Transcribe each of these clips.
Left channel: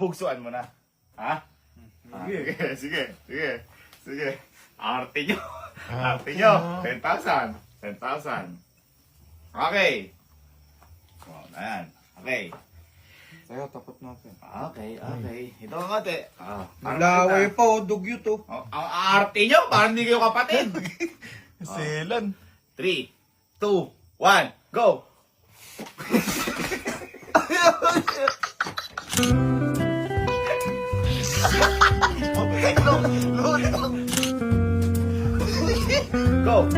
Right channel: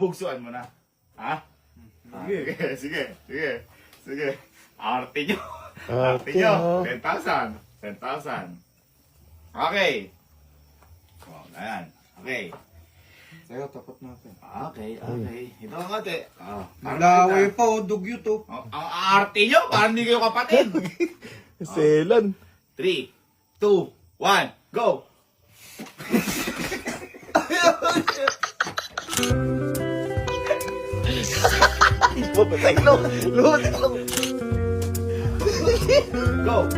bugsuan mo na. Ha? Sige, sige, sige. Sige. Arte nyo. Arte nyo. 10,000. 10,000. Okay. Oh, ayan. Okay. Sa'yo, tapat natin. Okay, okay. Ito ang ate. Oh, Nalaway pa, oh, dugyo to. Oh, ang arte nyo, parang hindi kayo kapatid. Selan. 3, 2, 1, go! Go!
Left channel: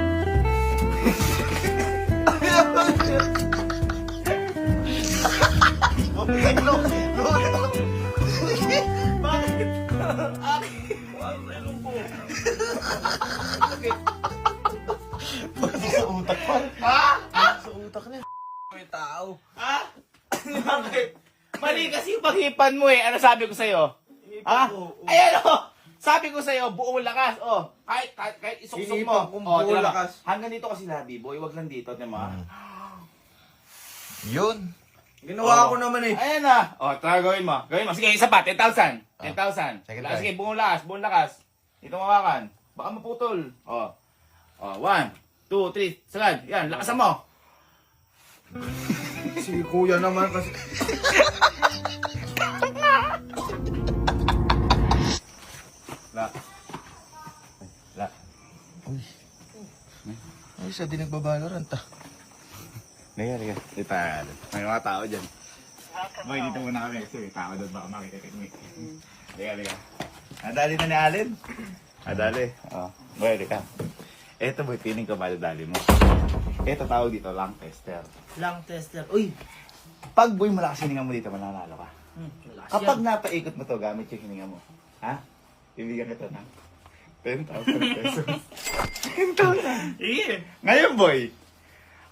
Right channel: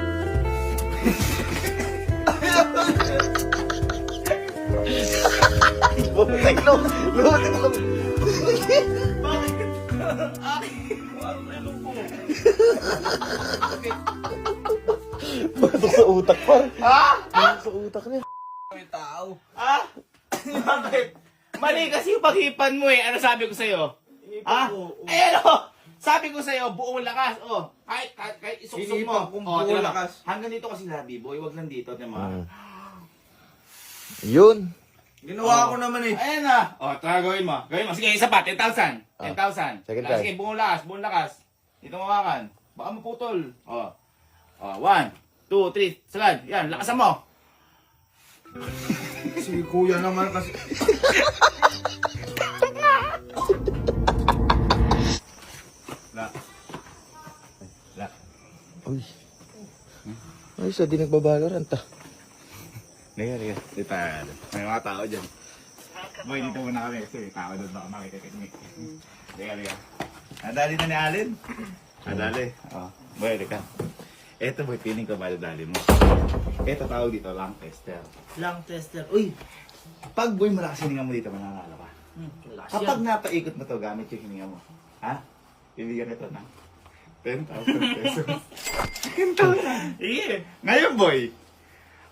Sa utak ko. Ah? Sa utak niya. May tao. Ah? Bakit? Mali kasi paghipan mo eh. Ano sabi ko sa'yo? Ah? Ayan o! Sabi ko sa'yo, buong lakas. Oh, kahit isuksok mo. Hinipan kong Oh, buong tira mo. lakas. Hanggang dito kasi labi, boy. Wag lang dito, di ba? Yun. Ginawa ko naman eh. Ayan na. Oh, tara gawin mo. Gawin mo. Sige, isa pa. 10,000. 10,000. Sige, Sige, buong lakas. Buong lakas. Ito mawakan. Baka maputol. Oh. Oh, 1, 2, 3. Sagad. Yan, lakasan mo. Si kuya naman kasi. La. La. Ay, sa di nagbabalorant ah. Liga, liga. Dito, may mga tao dyan. Boy, dito muna kami. Kasi may tao doon baka makita-technique. Liga, liga. Nadali na ni Alin. Nadali. Oh, boy, liga. Eto boy, piling ko madadali mo. Eto tawag dito, lang tester. Lang tester. Uy! Pag boy, malakas hininga mo dito, mananalo ka. Lakas Kapag yan. napaikot mo to, gamit yung hininga mo. Ha? Bibigyan kita na 10,000 pesos. 10,000? Iya. Ngayon boy,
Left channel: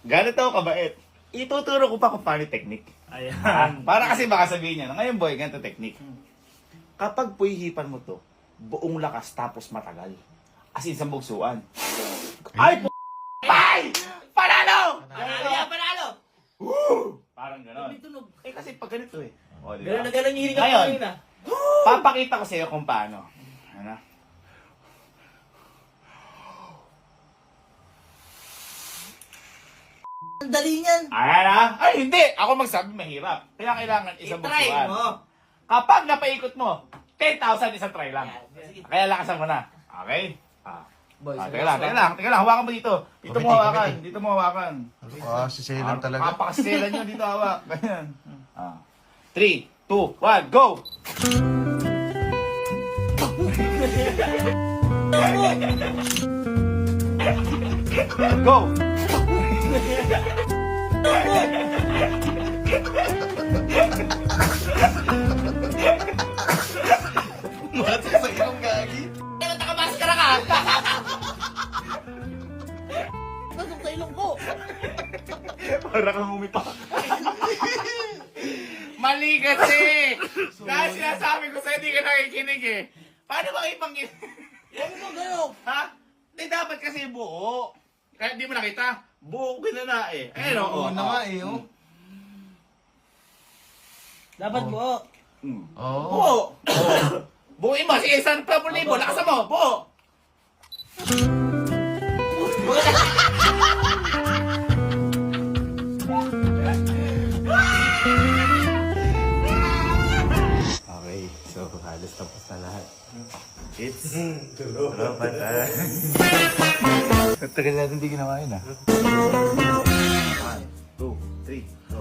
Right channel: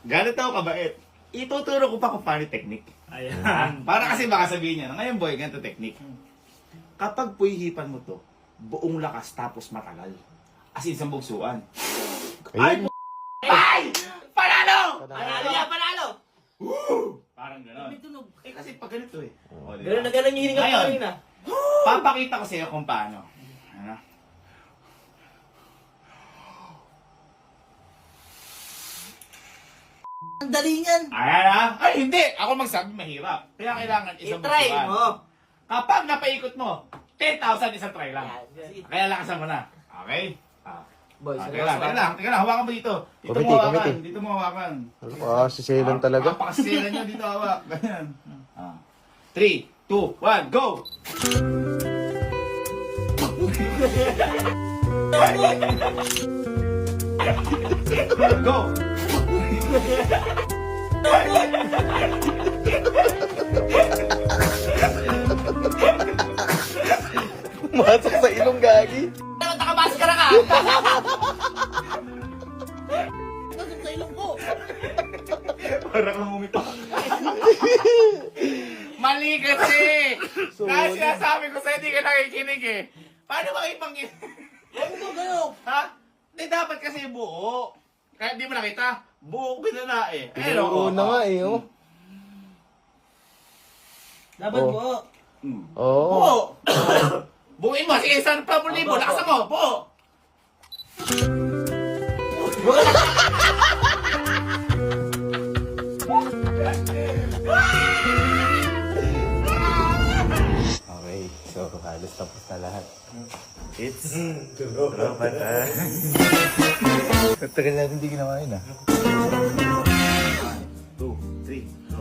ganito ako kabait. Ituturo ko pa kung paano yung technique. Ayan. Para kasi baka sabihin niya, ngayon boy, ganito technique. Kapag puhihipan mo to, buong lakas tapos matagal. As in, sa bugsuan. Ay, Ay! Panalo! Panalo yan, panalo! Woo! Parang gano'n. May tunog. Eh kasi pag ganito eh. O, diba? Ganun na ganun yung hininga ko Ngayon, kanina. papakita ko sa iyo kung paano. Ano? Ang dali niyan. Ayan ha? Ay, hindi! Ako magsabi mahirap. Kaya kailangan isang I-try bugsuan. mo. Kapag napaikot mo, 10,000 isang try lang. Sige. Kaya lakasan mo na. Okay? Boy, Teka lang. Hawakan mo dito. Dito mo hawakan. Dito mo hawakan. Ah, si Selan talaga. Pakasilan nyo dito hawak. Ganyan. 3, 2, 1, go! Go! Masak sa ilong gagi. Nakamaskara ka! Pasok sa ilong ko. Para kang umipak. Mali kasi! Dahil sinasabi ko sa'yo, di ka nakikinig eh. Paano ba ibang Ano mo gano'n? Ha? Di dapat kasi buo. Kaya di mo nakita. Buo ginana eh. Ayun o. Una nga eh, oh. Dapat Oh. mo. Oo. Buo! Buuin mo. Sige, 1,000 lakasan mo. Buo! Okay, so halos tapos na lahat. It's tropa time. Tagal natin hindi ginawa yun ah. 1, 2, 3, go.